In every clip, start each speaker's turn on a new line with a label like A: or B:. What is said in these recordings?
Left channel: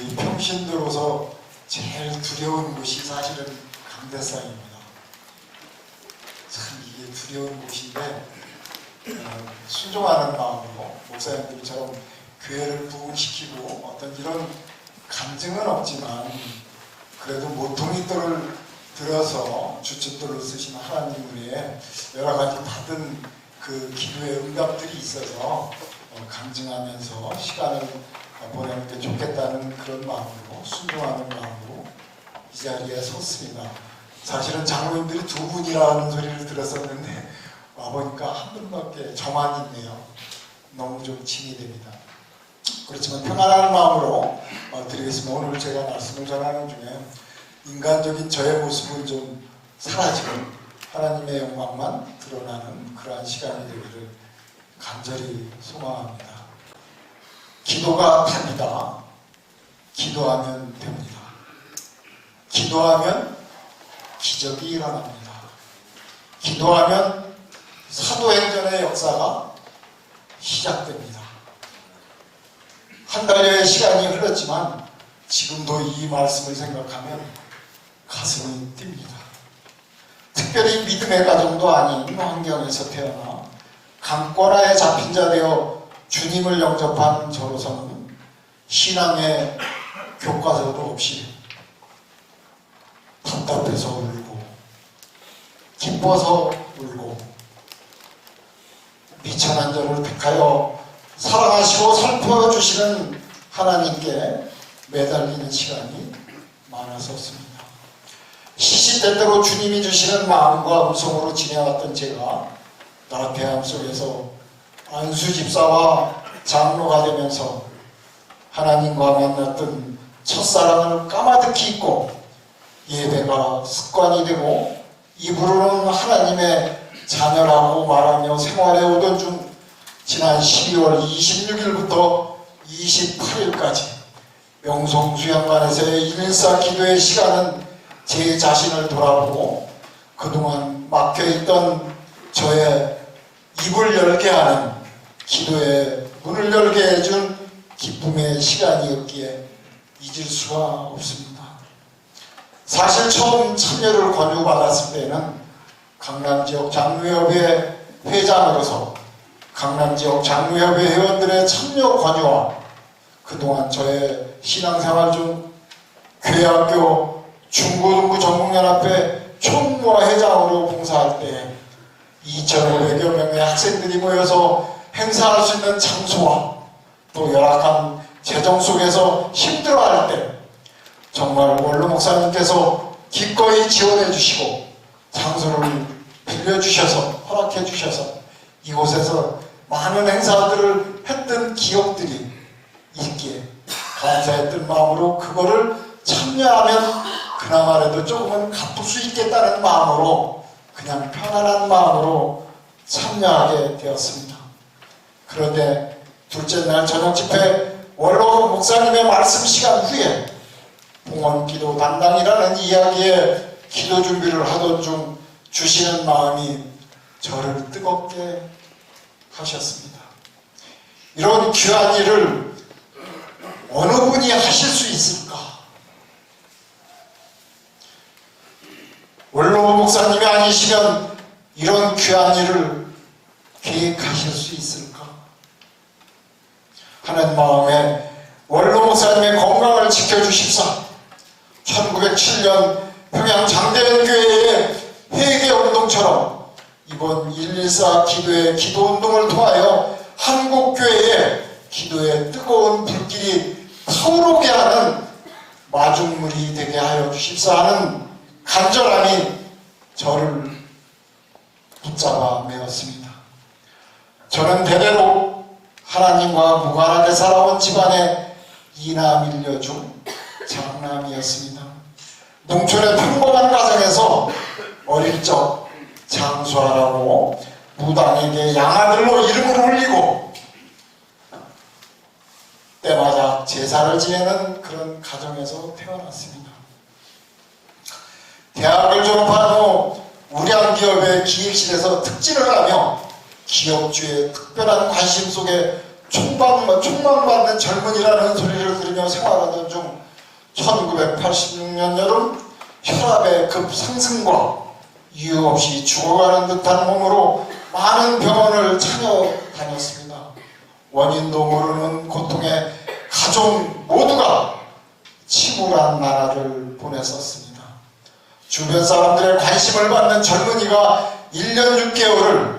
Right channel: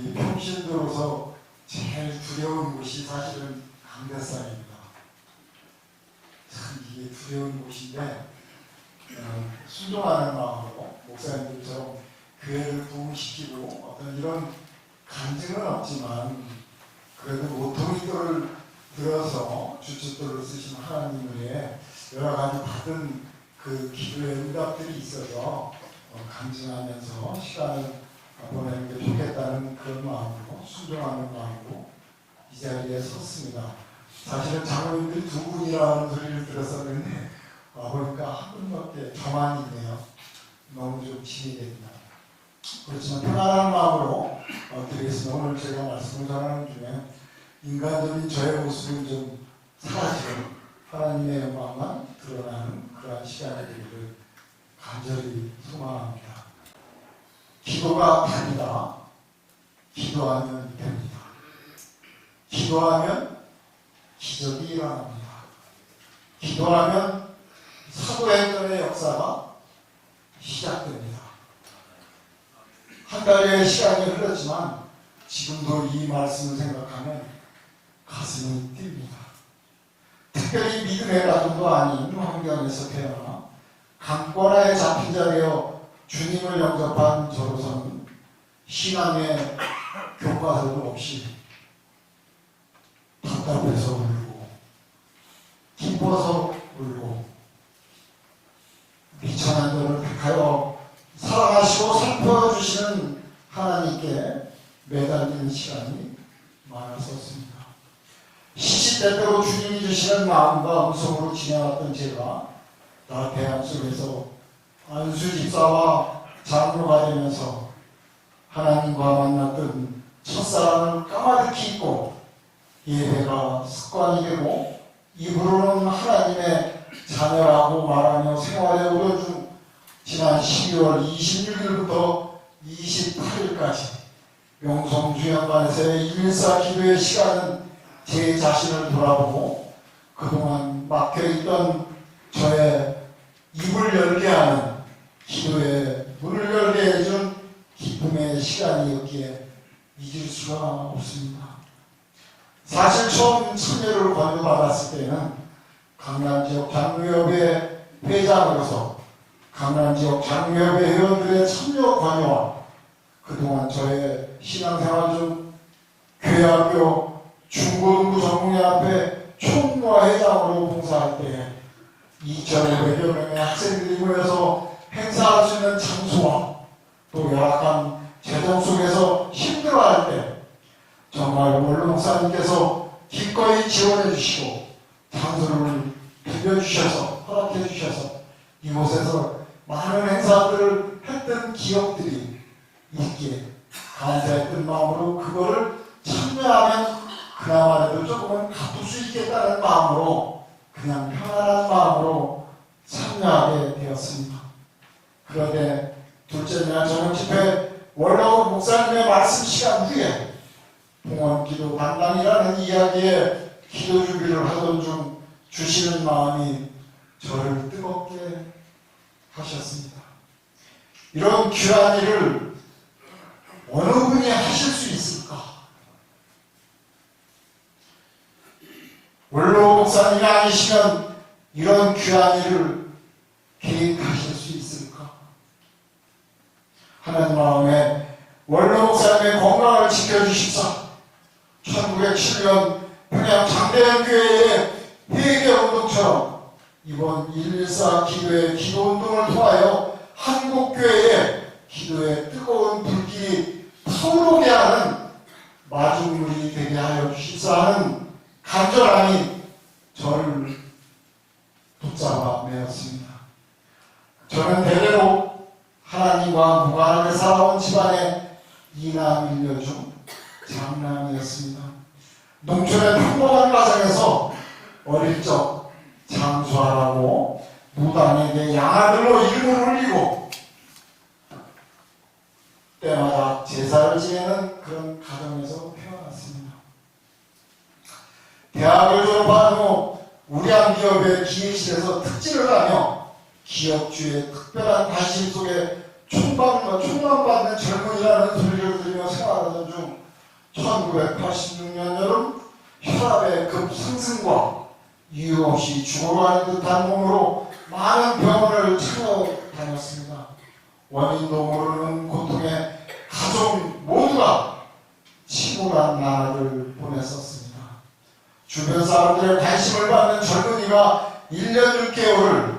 A: 이 평신도로서 제일 두려운 곳이 사실은 강대상입니다. 참 이게 두려운 곳인데 어, 순종하는 마음으로 목사님들처럼 교회를 부흥시키고 어떤 이런 감증은 없지만 그래도 모퉁이돌을 들어서 주춧돌로 쓰신 하나님 을에 여러 가지 받은 그 기도의 응답들이 있어서 어, 감증하면서 시간을 보내는 게 좋겠다는 그런 마음으로 순종하는 마음으로 이 자리에 섰습니다. 사실은 장로님들이 두 분이라는 소리를 들었었는데 와보니까 한 분밖에 저만 있네요. 너무 좀 짐이 됩니다. 그렇지만 평안한 마음으로 어, 드리겠습니다. 오늘 제가 말씀을 전하는 중에 인간적인 저의 모습은 좀 사라지고 하나님의 영광만 드러나는 그러한 시간이 되기를 간절히 소망합니다. 기도가 답이다. 기도하면 됩니다. 기도하면 기적이 일어납니다. 기도하면 사도행전의 역사가 시작됩니다. 한 달여의 시간이 흘렀지만 지금도 이 말씀을 생각하면 가슴이 뜁니다. 특별히 믿음의 가정도 아닌 환경에서 태어나 강권하에 잡힌 자 되어 주님을 영접한 저로서는 신앙의 교과서도 없이 답답해서 울고 기뻐서 울고 미천한 저를 택하여 사랑하시고 살펴주시는 하나님께 매달리는 시간이 많았었습니다. 시시때때로 주님이 주시는 마음과 음성으로 지내왔던 제가 나태함 속에서 안수 집사와 장로가 되면서 하나님과 만났던 첫사랑을 까마득히 잊고 예배가 습관이 되고 입으로는 하나님의 자녀라고 말하며 생활해 오던 중 지난 12월 26일부터 28일까지 명성수양관에서의 일사 기도의 시간은 제 자신을 돌아보고 그동안 막혀있던 저의 입을 열게 하는 기도의 문을 열게 해준 기쁨의 시간이었기에 잊을 수가 없습니다. 사실 처음 참여를 권유받았을 때는 강남 지역 장로협의 회장으로서 강남 지역 장로협의 회원들의 참여 권유와 그동안 저의 신앙생활 중 교회학교 중고등부 전국연합회 총무와 회장으로 봉사할 때 2,500여 명의 학생들이 모여서 행사할 수 있는 장소와 또 열악한 재정 속에서 힘들어할 때 정말 원로 목사님께서 기꺼이 지원해 주시고 장소를 빌려 주셔서 허락해 주셔서 이곳에서 많은 행사들을 했던 기억들이 있기에 감사했던 마음으로 그거를 참여하면 그나마라도 조금은 갚을 수 있겠다는 마음으로 그냥 편안한 마음으로 참여하게 되었습니다. 그런데 둘째 날 저녁 집회 원로 목사님의 말씀 시간 후에 봉헌 기도 단당이라는 이야기에 기도 준비를 하던 중 주시는 마음이 저를 뜨겁게 하셨습니다. 이런 귀한 일을 어느 분이 하실 수 있을까? 원로 목사님이 아니시면 이런 귀한 일을 계획하실 수 있을까? 하는 마음에 원로 목사님의 건강을 지켜주십사 1907년 평양 장대현 교회의 회개 운동처럼 이번 114 기도의 기도 운동을 통하여 한국 교회의 기도의 뜨거운 불길이 타오르게 하는 마중물이 되게 하여 주십사 하는 간절함이 저를 붙잡아 메었습니다. 저는 대대로 하나님과 무관하게 살아온 집안의 이남 일녀 중 장남이었습니다. 농촌의 평범한 가정에서 어릴 적 장수하라고 무당에게 양아들로 이름을 올리고 때마다 제사를 지내는 그런 가정에서 태어났습니다. 대학을 졸업한 후 우량기업의 기획실에서 특진을 하며 기업주의 특별한 관심 속에 총망, 총망받는 젊은이라는 소리를 들으며 생활하던 중 1986년 여름 혈압의 급상승과 이유 없이 죽어가는 듯한 몸으로 많은 병원을 찾아다녔습니다. 원인도 모르는 고통에 가족 모두가 치밀한 나날을 보냈었습니다. 주변 사람들의 관심을 받는 젊은이가 1년 6개월을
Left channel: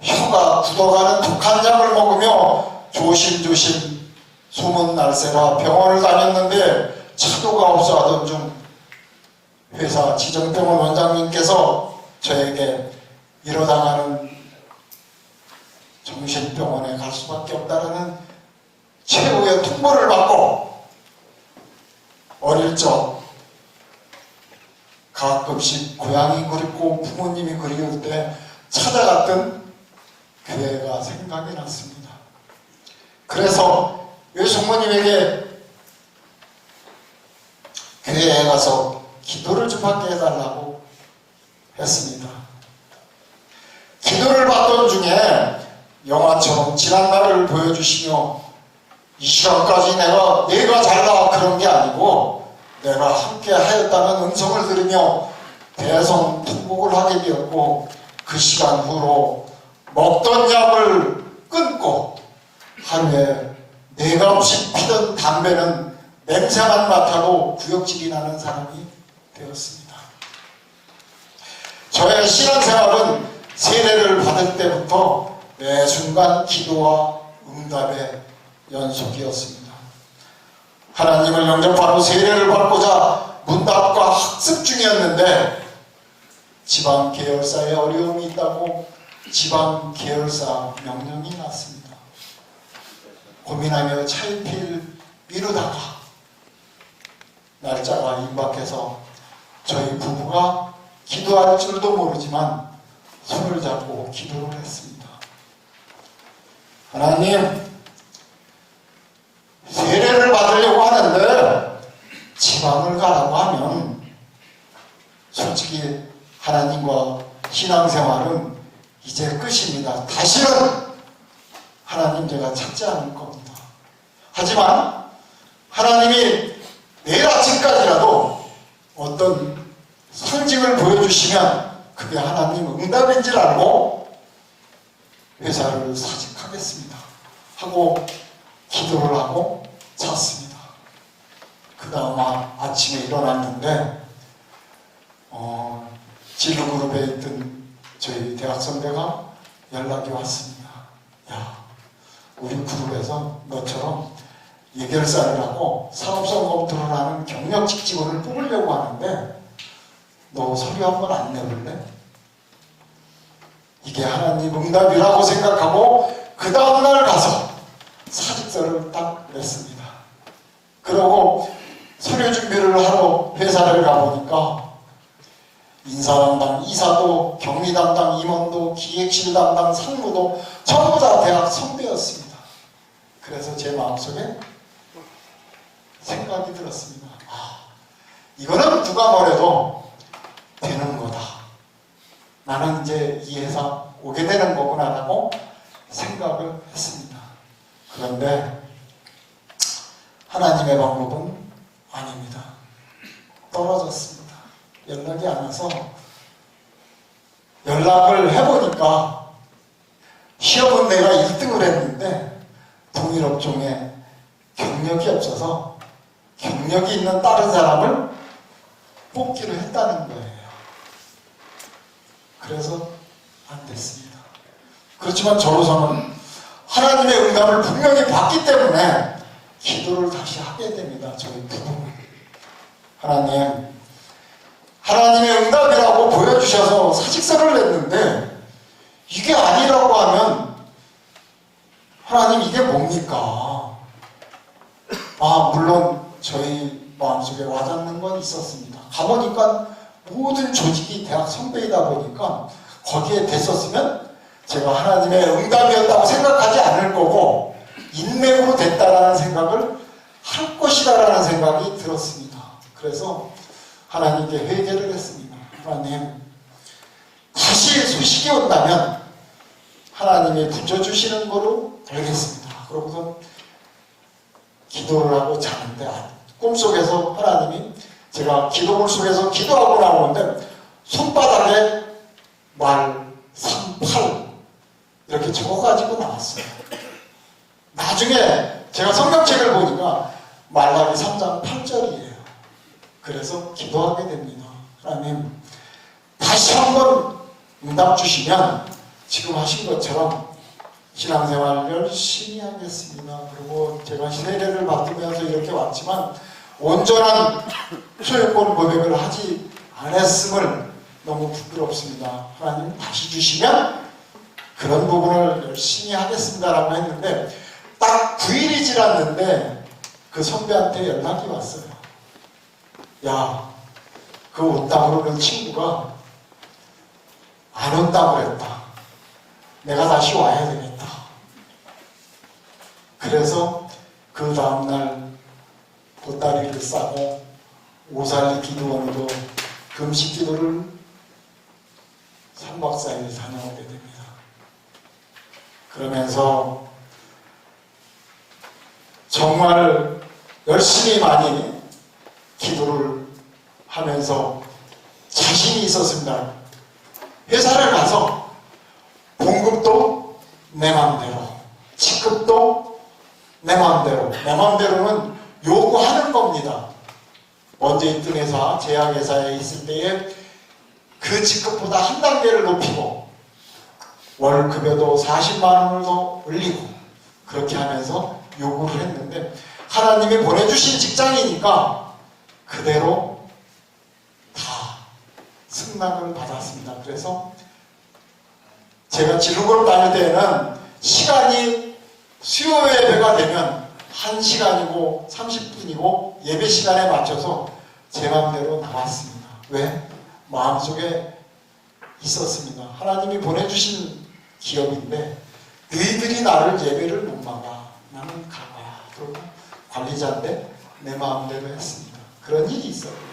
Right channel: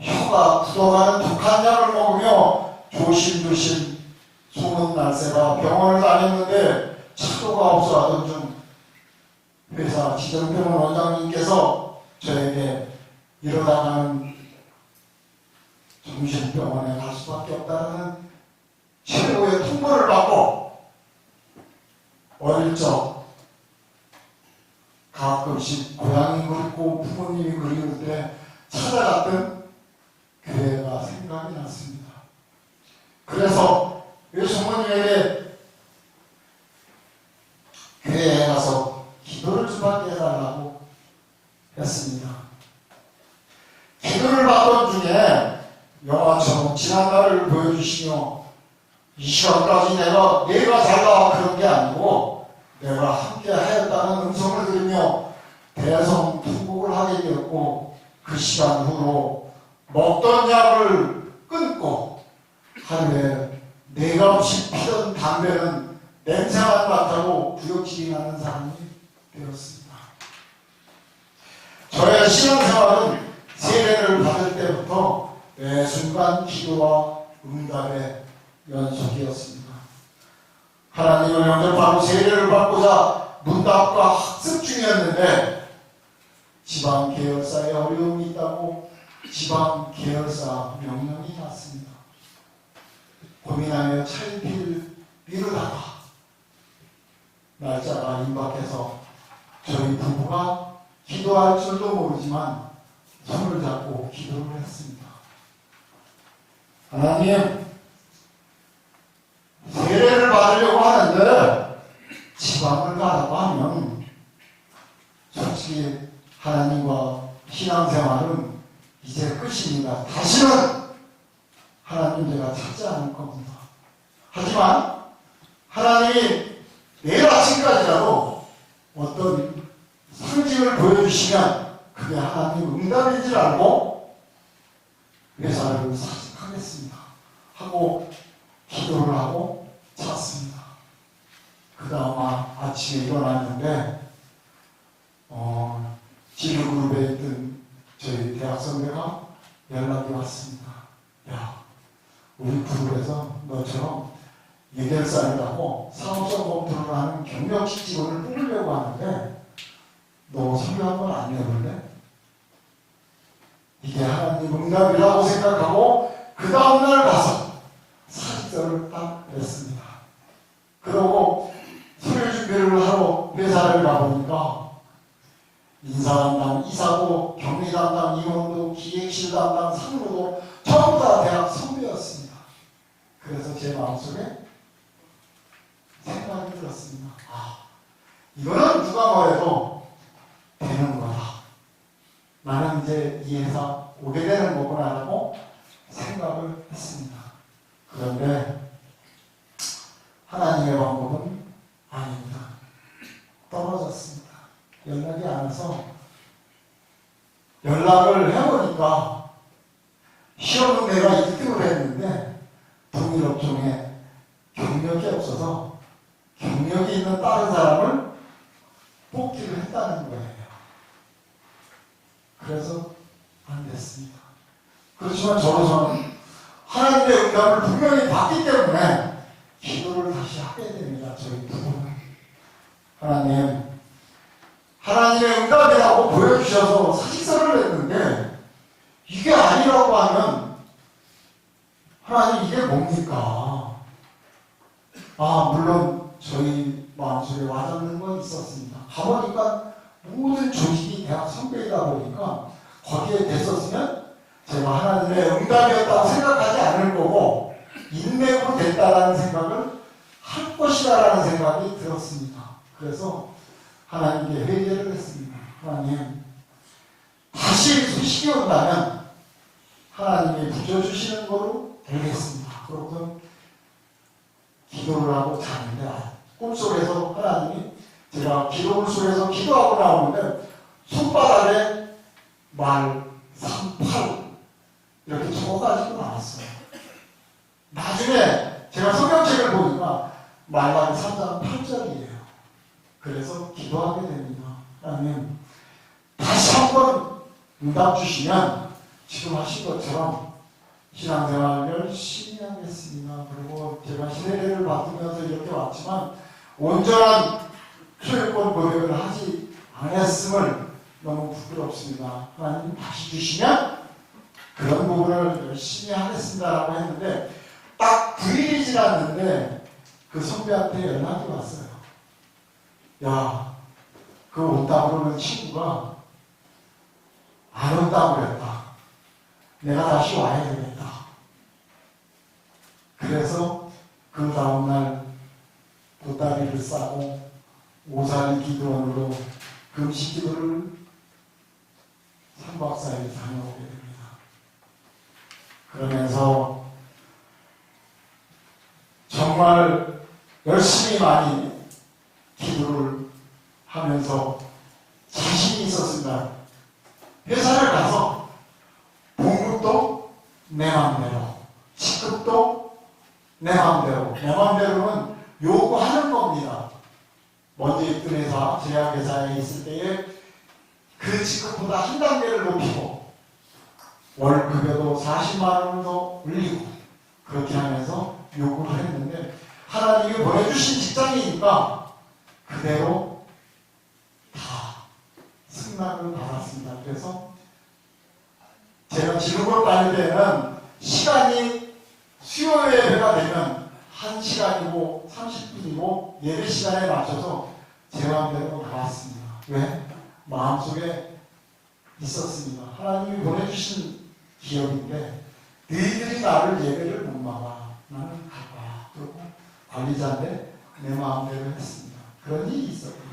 A: 혀가 굳어가는 독한 약을 먹으며 조심조심 소문 날새라 병원을 다녔는데 차도가 없어 하던 중 회사 지정병원 원장님께서 저에게 이러다가는 정신병원에 갈 수밖에 없다는 최고의 통보를 받고 어릴 적 가끔씩 고향이 그립고 부모님이 그리울 때 찾아갔던 교회가 생각이 났습니다. 그래서 외숙모님에게 교회에 가서 기도를 좀 받게 해달라고 했습니다. 기도를 받던 중에 영화처럼 지난 날을 보여주시며 이 시간까지 내가 내가 잘나 그런 게 아니고 내가 함께 하였다는 음성을 들으며 대성 통곡을 하게 되었고 그 시간 후로 먹던 약을 끊고 하루에 내가 없이 피던 담배는 냄새만 맡아도 구역질이 나는 사람이 되었습니다. 저의 신앙생활은 세례를 받을 때부터 매 순간 기도와 응답의 연속이었습니다. 하나님을 영접하고 세례를 받고자 문답과 학습 중이었는데 지방 계열사에 어려움이 있다고 지방 계열사 명령이 났습니다. 고민하며 차일피일 미루다가 날짜가 임박해서 저희 부부가 기도할 줄도 모르지만 손을 잡고 기도를 했습니다. 하나님, 세례를 받으려고 하는데 지방을 가라고 하면 솔직히 하나님과 신앙생활은 이제 끝입니다. 다시는 하나님 제가 찾지 않을 겁니다. 하지만 하나님이 내일 아침까지라도 어떤 상징을 보여주시면 그게 하나님 응답인 줄 알고 회사를 사직하겠습니다. 하고 기도를 하고 잤습니다. 그 다음 아침에 일어났는데 어, 진로그룹에 있던 저희 대학 선배가 연락이 왔습니다. 야, 우리 그룹에서 너처럼 예결사를 하고 사업성 검토를 하는 경력직 직원을 뽑으려고 하는데 너 서류 한번 안 내볼래? 이게 하나님 응답이라고 생각하고 그 다음날 가서 사직서를 딱 냈습니다. 그러고 서류 준비를 하러 회사를 가보니까 인사 담당 이사도 경리 담당 임원도 기획실 담당 상무도 전부 다 대학 선배였습니다. 그래서 제 마음속에 생각이 들었습니다. 아, 이거는 누가 뭐래도 되는 거다. 나는 이제 이 회사 오게 되는 거구나라고 생각을 했습니다. 그런데 하나님의 방법은 아닙니다. 떨어졌습니다. 연락이 안 와서 연락을 해보니까 시험은 내가 1등을 했는데 동일업종에 경력이 없어서 경력이 있는 다른 사람을 뽑기로 했다는 거예요. 그래서 안 됐습니다. 그렇지만 저로서는 하나님의 응답을 분명히 받기 때문에 기도를 다시 하게 됩니다. 저희 부부는. 하나님, 하나님의 응답이라고 보여주셔서 사직서를 냈는데 이게 아니라고 하면 하나님 이게 뭡니까? 아, 물론 저희 마음속에 와닿는 건 있었습니다. 가보니까 모든 조직이 대학 선배이다 보니까 거기에 됐었으면 제가 하나님의 응답이었다고 생각하지 않을 거고 인맥으로 됐다라는 생각을 할 것이다라는 생각이 들었습니다. 그래서 하나님께 회개를 했습니다. 하나님 다시 소식이 온다면 하나님이 붙여주시는 거로 알겠습니다. 그러고선 기도를 하고 자는데 아, 꿈속에서 하나님이 제가 기도물 속에서 기도하고 나오는데 손바닥에 말, 3, 8 이렇게 적어가지고 나왔어요. 나중에 제가 성경책을 보니까 말라기 3장 8절이에요. 그래서 기도하게 됩니다. 하나님 다시 한번 응답 주시면 지금 하신 것처럼 신앙생활 열심히 하겠습니다. 그리고 제가 세례를 받으면서 이렇게 왔지만 온전한 소유권 고백을 하지 않았음을 너무 부끄럽습니다. 하나님 다시 주시면 그런 부분을 열심히 하겠습니다라고 했는데 딱 9일이 지났는데 그 선배한테 연락이 왔어요. 야, 그 온다고 그러는 친구가 안 온다고 그랬다. 내가 다시 와야 되겠다. 그래서 그 다음날 보따리를 싸고 오살리 기도원으로 금식 기도를 3박 4일 다녀오게 됩니다. 그러면서 정말 열심히 많이 기도를 하면서 자신이 있었습니다. 회사를 가서 봉급도 내 마음대로, 직급도 내 마음대로, 내 마음대로는 요구하는 겁니다. 먼저 있던 회사, 제약회사에 있을 때에 그 직급보다 한 단계를 높이고 월급에도 40만 원을 더 올리고 그렇게 하면서 요구를 했는데 하나님이 보내주신 직장이니까 그대로 다 승낙을 받았습니다. 그래서 제가 지루걸 다닐 때는 시간이 수요 예배가 되면 1시간이고 30분이고 예배 시간에 맞춰서 제 마음대로 나왔습니다. 왜? 마음속에 있었습니다. 하나님이 보내주신 기업인데 너희들이 나를 예배를 못 막아. 나는 갈 거야. 그리고 관리자인데 내 마음대로 했습니다. 그런 일이 있었고요.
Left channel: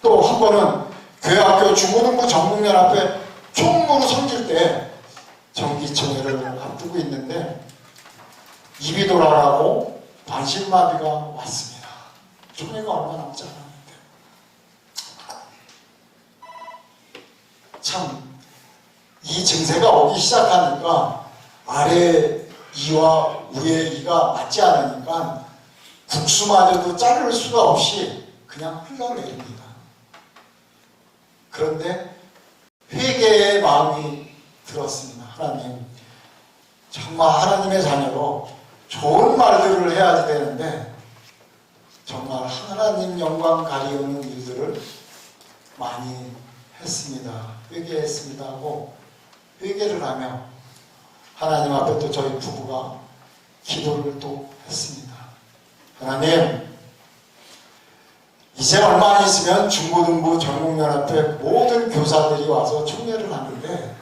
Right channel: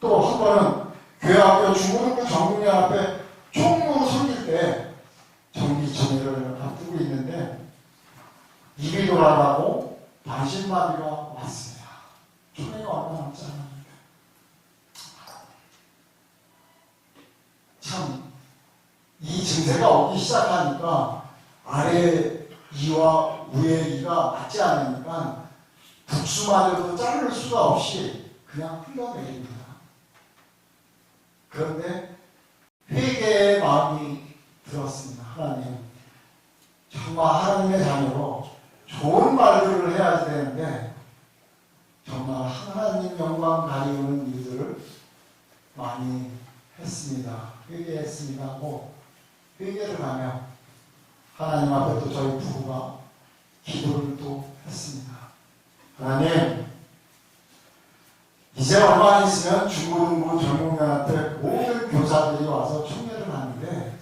A: 또 한 번은 교회 학교 중고등부 전국연합회 총무로 섬길 때 정기총회를 앞두고 있는데 입이 돌아가고 반신마비가 왔습니다. 총회가 얼마 남지 않았는데 참 이 증세가 오기 시작하니까 아래 이와 위의 이가 맞지 않으니까 국수마저도 자를 수가 없이 그냥 흘러내립니다. 그런데 회개의 마음이 들었습니다. 하나님, 정말 하나님의 자녀로 좋은 말들을 해야지 되는데 정말 하나님 영광 가리우는 일들을 많이 했습니다. 회개했습니다 하고 회개를 하며 하나님 앞에 또 저희 부부가 기도를 또 했습니다. 하나님, 이제 얼마 안 있으면 중고등부 전국연합회 모든 교사들이 와서 총회를 하는데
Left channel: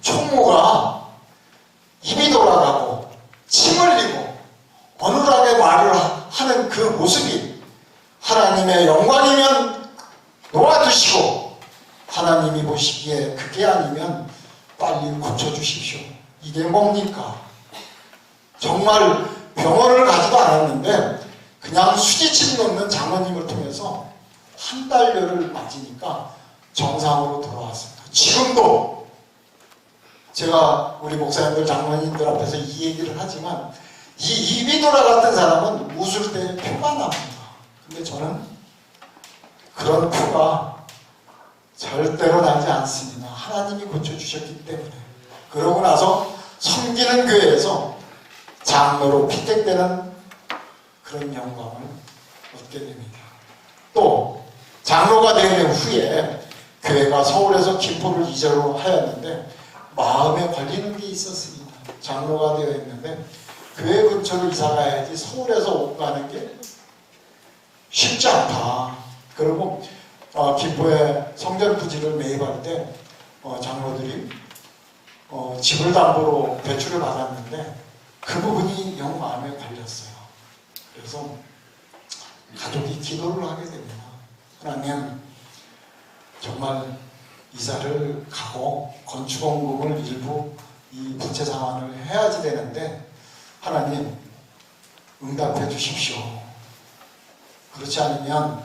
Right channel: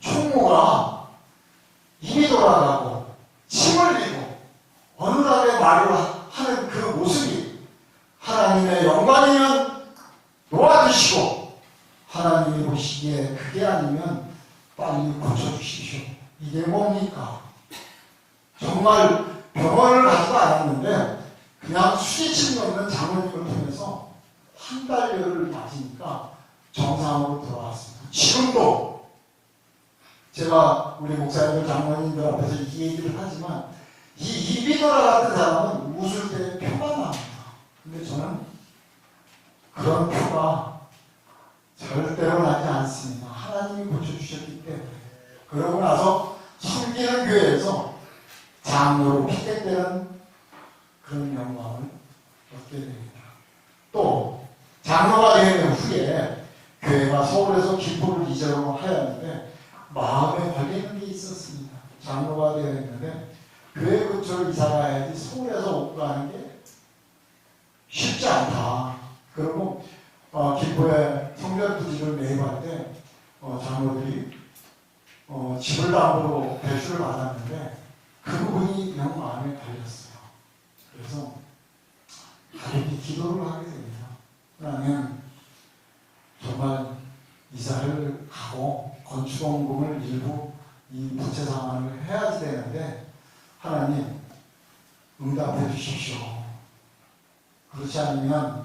A: 총무가 입이 돌아가고 침 흘리고 어눌하게 말을 하는 그 모습이 하나님의 영광이면 놓아주시고 하나님이 보시기에 그게 아니면 빨리 고쳐주십시오. 이게 뭡니까? 정말 병원을 가지도 않았는데 그냥 수지침 넣는 장모님을 통해서 한 달여를 맞으니까 정상으로 돌아왔습니다. 지금도 제가 우리 목사님들 장모님들 앞에서 이 얘기를 하지만 이 입이 돌아갔던 사람은 웃을 때 표가 납니다. 근데 저는 그런 표가 절대로 나지 않습니다. 하나님이 고쳐주셨기 때문에. 그러고 나서 섬기는 교회에서 장로로 피택되는 그런 영광을 얻게 됩니다. 또 장로가 된 후에 교회가 서울에서 김포를 이전으로 하였는데 마음에 걸리는 게 있었습니다. 장로가 되어 있는데 교회 근처로 이사 가야지 서울에서 오 가는 게 쉽지 않다. 그리고 어, 김포에 성전 부지를 때 어, 장로들이 어, 집을 담보로 대출을 받았는데 그 부분이 영 마음에 달렸어요. 그래서 가족이 기도를 하게 됩니다. 하나님 정말 이사를 가고 건축원금을 일부 이 부채 상환을 해야지 되는데 하나님 응답해 주십시오. 그렇지 않으면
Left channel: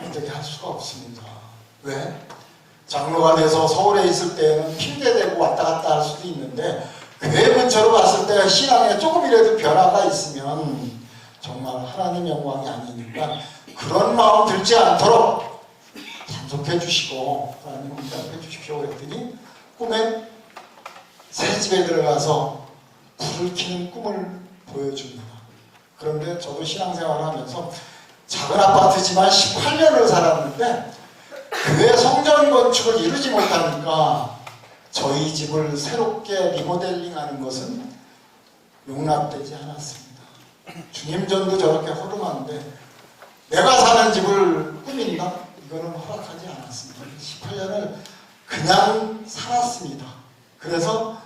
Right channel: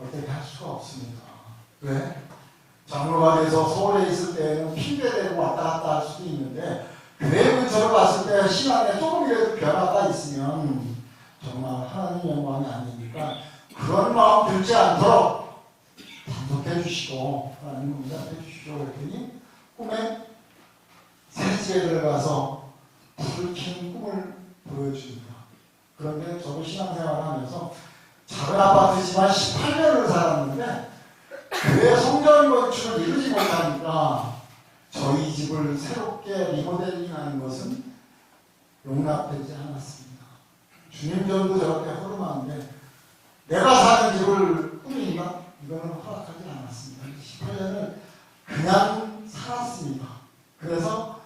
A: 어떻게 할 수가 없습니다. 왜? 장로가 돼서 서울에 있을 때는 핑계대고 왔다 갔다 할 수도 있는데 교회 근처로 갔을 때 신앙에 조금이라도 변화가 있으면 정말 하나님 영광이 아니니까 그런 마음 들지 않도록 단속해 주시고 하나님 응답해 주십시오 그랬더니 꿈에 새 집에 들어가서 불을 켜는 꿈을 보여줍니다. 그런데 저도 신앙생활을 하면서 작은 아파트지만 18년을 살았는데 교회 성전 건축을 이루지 못하니까 저희 집을 새롭게 리모델링하는 것은 용납되지 않았습니다. 주님 전도 저렇게 허름한데 내가 사는 집을 꾸민다? 이거는 허락하지 않았습니다. 18년을 그냥 살았습니다. 그래서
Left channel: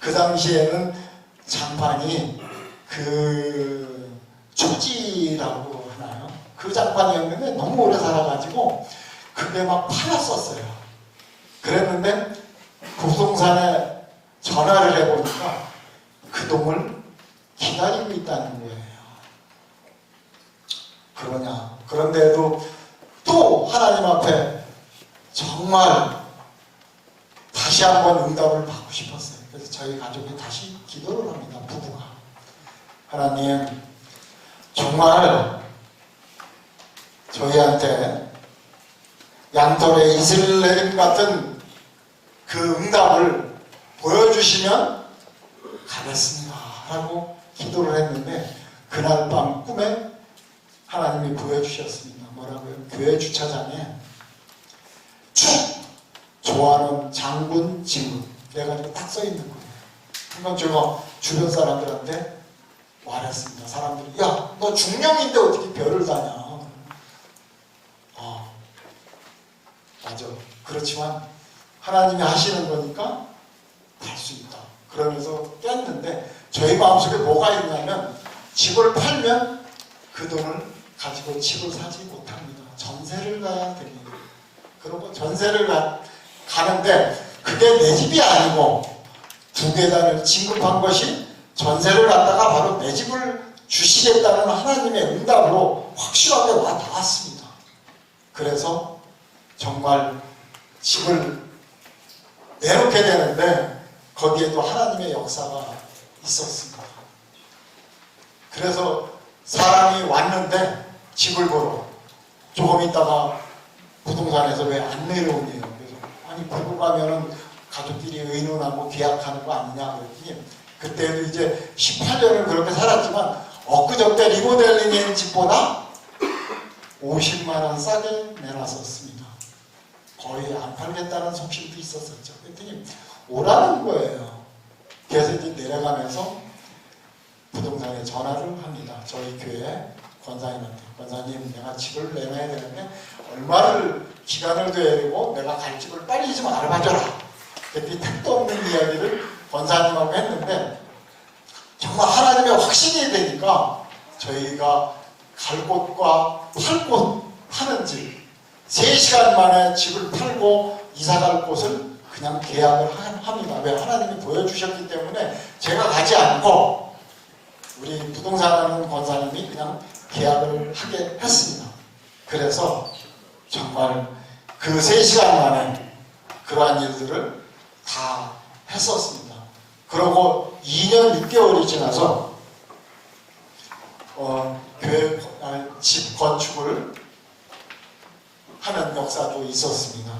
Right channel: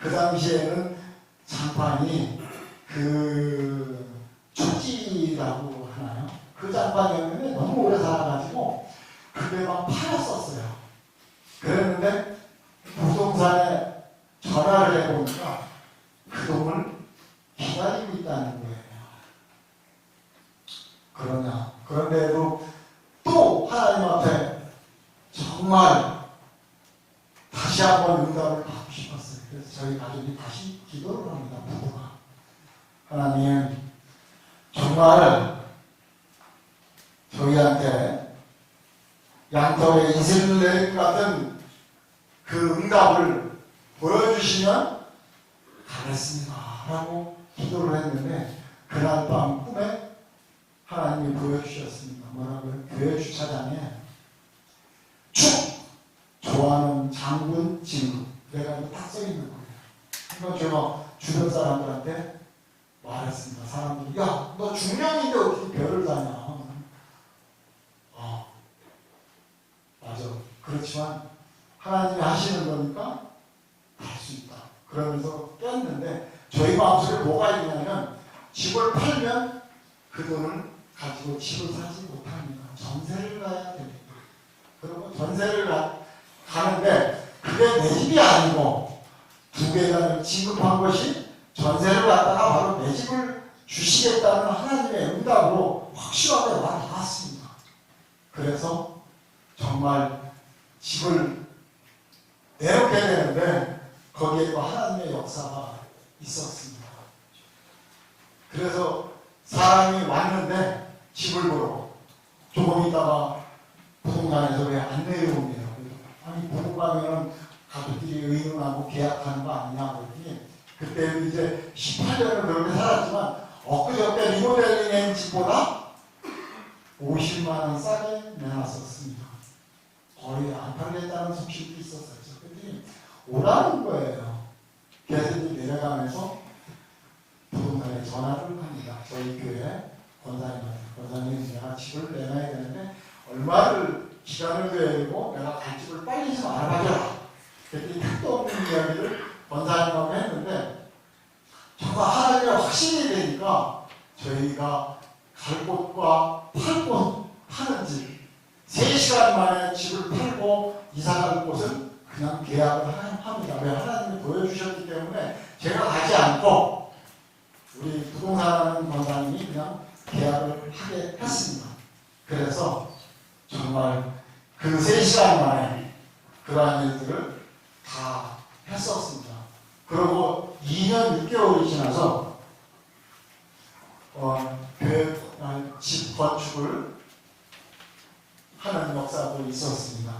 A: 그 당시에는 장판이 그 초지라고 하나요? 그 장판이었는데 너무 오래 살아가지고 그게 막 팔았었어요. 그랬는데 부동산에 전화를 해보니까 그 돈을 기다리고 있다는 거예요. 그러냐. 그런데도 또 하나님 앞에 정말 다시 한번 응답을 받고 싶었어요. 그래서 저희 가족이 다시 기도를 합니다. 부부가. 하나님, 정말 저희한테 양털의 이슬 내림 같은 그 응답을 보여주시면 가겠습니다. 라고 기도를 했는데 그날 밤 꿈에 하나님이 보여주셨습니다. 뭐라고요? 교회 주차장에 축 좋아하는 장군 지문 그래가지고 딱 써 있는 거예요. 그건 제가 주변 사람들한테 말했습니다. 사람들이 야 너 중령인데 어떻게 별을 다냐? 아 맞아. 그렇지만 하나님이 하시는 거니까 할 수 있다. 그러면서 뺐는데 저희 마음속에 뭐가 있냐면 집을 팔면 그 돈을 가지고 집을 사지 못합니다. 전세를 가야 됩니다. 그리고 전세를 가, 가는데 그게 내 집이 아니고 두 계단을 진급한 것이 전세를 갖다가 바로 내 집을 주시겠다는 하나님의 응답으로 확실하게 와 닿았습니다. 그래서 정말 집을 내놓게 되는데 거기에도 하나님의 역사가 있었습니다. 그래서 사람이 왔는데 집을 보러 조금 있다가 부동산에서 왜 안 내려오냐고 그래서 아니 보고 가면은 가족끼리 의논하고 계약하는 거 아니냐 그랬더니 그때는 이제 18년을 그렇게 살았지만 엊그저께 리모델링한 집보다 50만 원 싸게 내놨었습니다. 거의 안 팔겠다는 속심도 있었었죠. 그랬더니 오라는 거예요. 그래서 이제 내려가면서 부동산에 전화를 합니다. 저희 교회 권사님한테 권사님 내가 집을 내놔야 되는데 얼마를 기간을 둬야 되고 내가 갈 집을 빨리 좀 알아봐줘라. 그랬더니 택도 없는 이야기를 권사님하고 했는데 정말 하나님의 확신이 되니까 저희가 갈 곳과 팔곳 파는 집 3시간 만에 집을 팔고 이사 갈 곳을 그냥 계약을 하- 합니다. 왜 하나님이 보여주셨기 때문에 제가 가지 않고 우리 부동산하는 권사님이 그냥 계약을 하게 했습니다. 그래서 정말 그 3시간 만에 그러한 일들을 다 했었습니다. 그러고 2년 6개월이 지나서 어, 교회 아, 집 건축을 하는 역사도 있었습니다.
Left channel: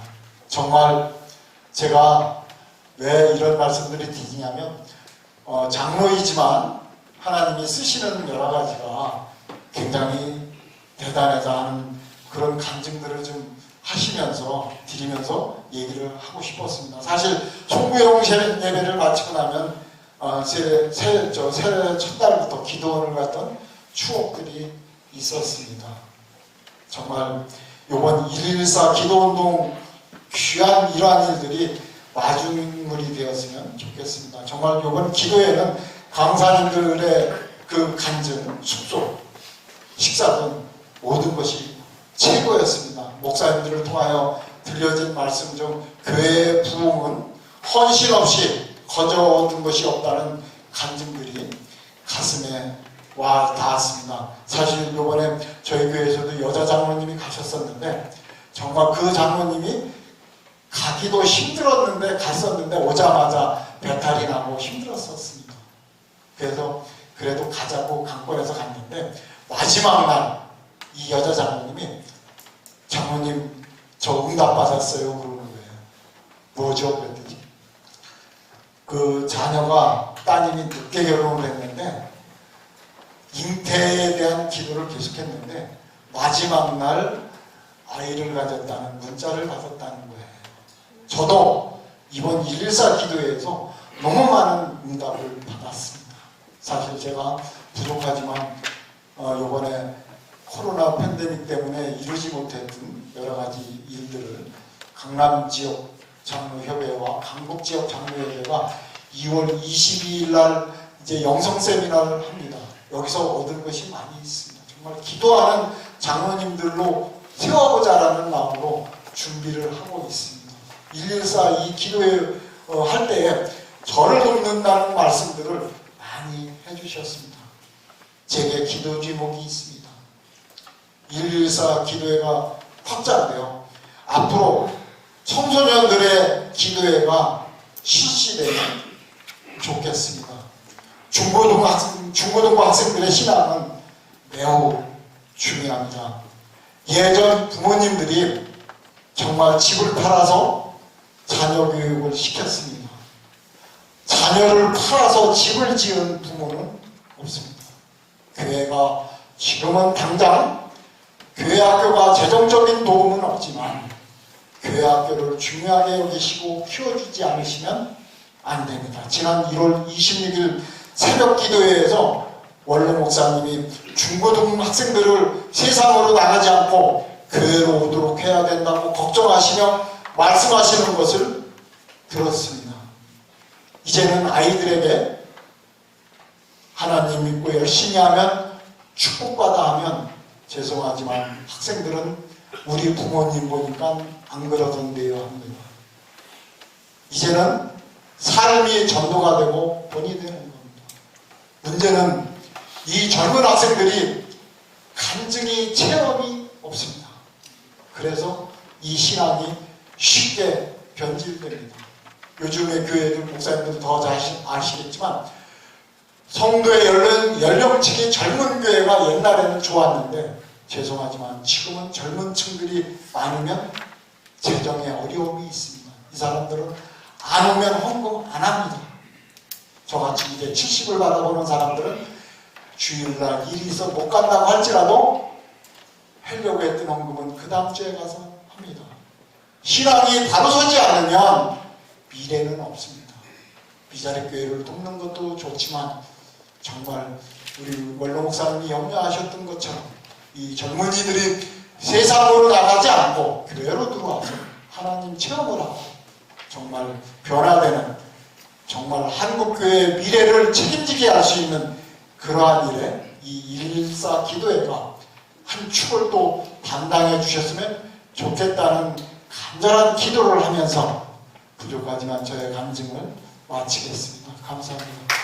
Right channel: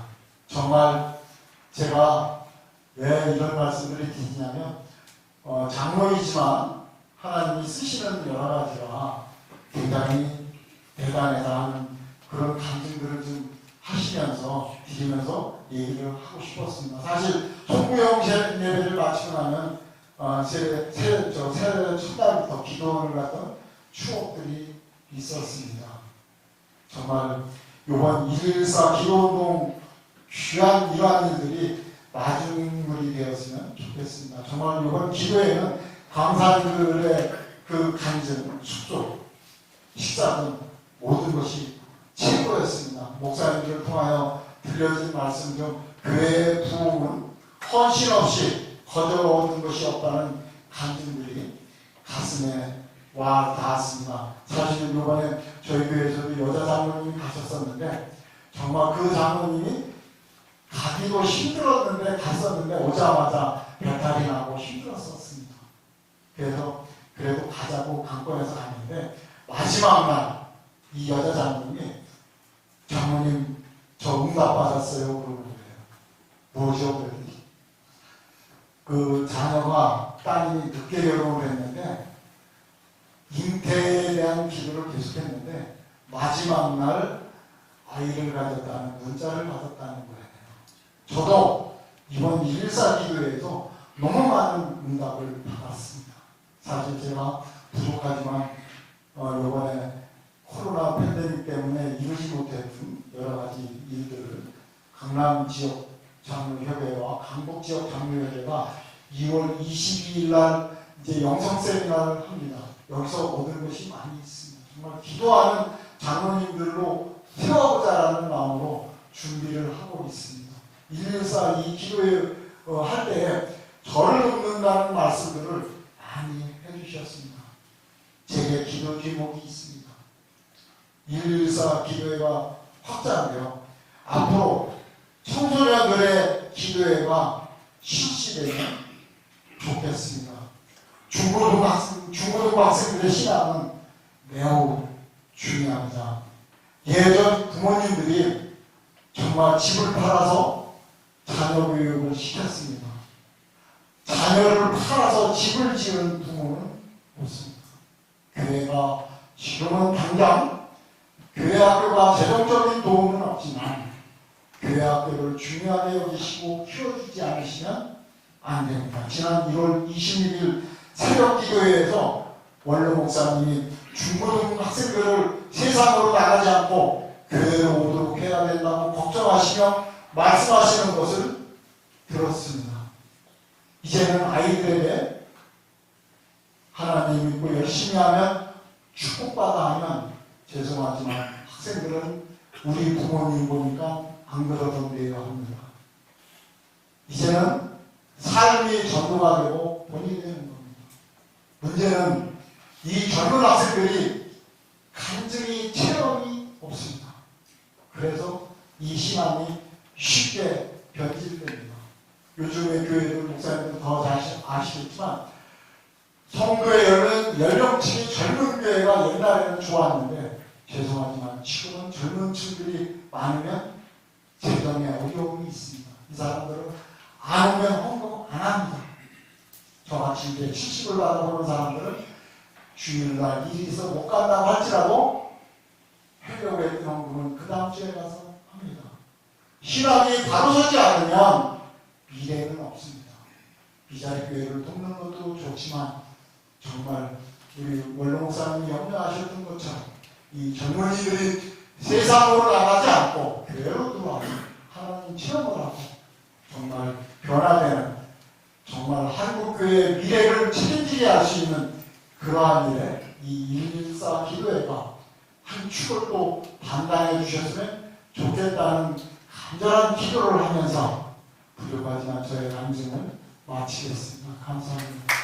A: 정말 제가 왜 이런 말씀들이 드리냐면 어, 장로이지만 하나님이 쓰시는 여러 가지가 굉장히 대단하다 하는 그런 감증들을 좀 하시면서 드리면서 얘기를 하고 싶었습니다. 사실 총무용 예배를 마치고 나면 어, 새해 첫날부터 기도원을 갔던 추억들이 있었습니다. 정말 이번 114 기도운동 귀한 이러한 일들이 마중물이 되었으면 좋겠습니다. 정말 이번 기도에는 강사님들의 그 간증, 숙소, 식사 등 모든 것이 최고였습니다. 목사님들을 통하여 들려진 말씀 중 교회의 부흥은 헌신 없이 거저얻은 것이 없다는 간증들이 가슴에 와 닿았습니다. 사실 이번에 저희 교회에서도 여자 장로님이 가셨었는데 정말 그 장로님이 가기도 힘들었는데 갔었는데 오자마자 배탈이 나고 힘들었었습니다. 그래서 그래도 가자고 강권해서 갔는데 마지막 날 이 여자 장로님이 장로님 저 응답 받았어요 그러는 거예요. 뭐죠 그랬더니 그 자녀가 따님이 늦게 결혼을 했는데 잉태에 대한 기도를 계속했는데 마지막 날 아이를 가졌다는 문자를 받았다는 거예요. 저도 이번 114 기도회에서 너무 많은 응답을 받았습니다. 사실 제가 부족하지만 어, 이번에 코로나 팬데믹 때문에 이루지 못했던 여러 가지 일들을 강남 지역 장로협회와 강북 지역 장로협회가 2월 22일 날 이제 영성 세미나를 합니다. 여기서 얻은 것이 많이 있습니다. 정말 기도하는 장로님들로 세워보자라는 마음으로 준비를 하고 있습니다. 114 이 기도회 어, 할 때에 저를 돕는다는 말씀들을 많이 해주셨습니다. 제게 기도 제목이 있습니다. 114 기도회가 확장되어 앞으로 청소년들의 기도회가 실시되면 좋겠습니다. 중고등 학생, 중고등부 학생들의 신앙은 매우 중요합니다. 예전 부모님들이 정말 집을 팔아서 자녀 교육을 시켰습니다. 자녀를 팔아서 집을 지은 부모는 없습니다. 교회가 지금은 당장 교회 학교가 재정적인 도움은 없지만 교회 학교를 중요하게 여기시고 키워주지 않으시면 안 됩니다. 지난 1월 26일 새벽 기도회에서 원로 목사님이 중고등 학생들을 세상으로 나가지 않고 교회로 오도록 해야 된다고 걱정하시며 말씀하시는 것을 들었습니다. 이제는 아이들에게 하나님 믿고 열심히 하면 축복받아 하면 죄송하지만 학생들은 우리 부모님 보니까 안 그러던데요 합니다. 이제는 삶이 전도가 되고 본이 되는 겁니다. 문제는 이 젊은 학생들이 간증이 체험이 없습니다. 그래서 이 신앙이 쉽게 변질됩니다. 요즘의 교회들 목사님들 더잘 아시겠지만 성도의 연령, 연령층이 젊은 교회가 옛날에는 좋았는데 죄송하지만 지금은 젊은 층들이 많으면 재정에 어려움이 있습니다. 이 사람들은 안 오면 헌금 안 합니다. 저같이 이제 70을 받아보는 사람들은 주일날 일이 있어 못 간다고 할지라도 하려고 했던 헌금은 그 다음 주에 가서. 신앙이 바로 서지 않으면 미래는 없습니다. 미자리 교회를 돕는 것도 좋지만 정말 우리 원로 목사님이 염려하셨던 것처럼 이 젊은이들이 세상으로 나가지 않고 교회로 들어와서 하나님 체험을 하고 정말 변화되는 정말 한국교회의 미래를 책임지게 할 수 있는 그러한 일에 이114 기도회가 한 축을 또 담당해 주셨으면 좋겠다는 간절한 기도를 하면서 부족하지만 저의 감증을 마치겠습니다. 감사합니다.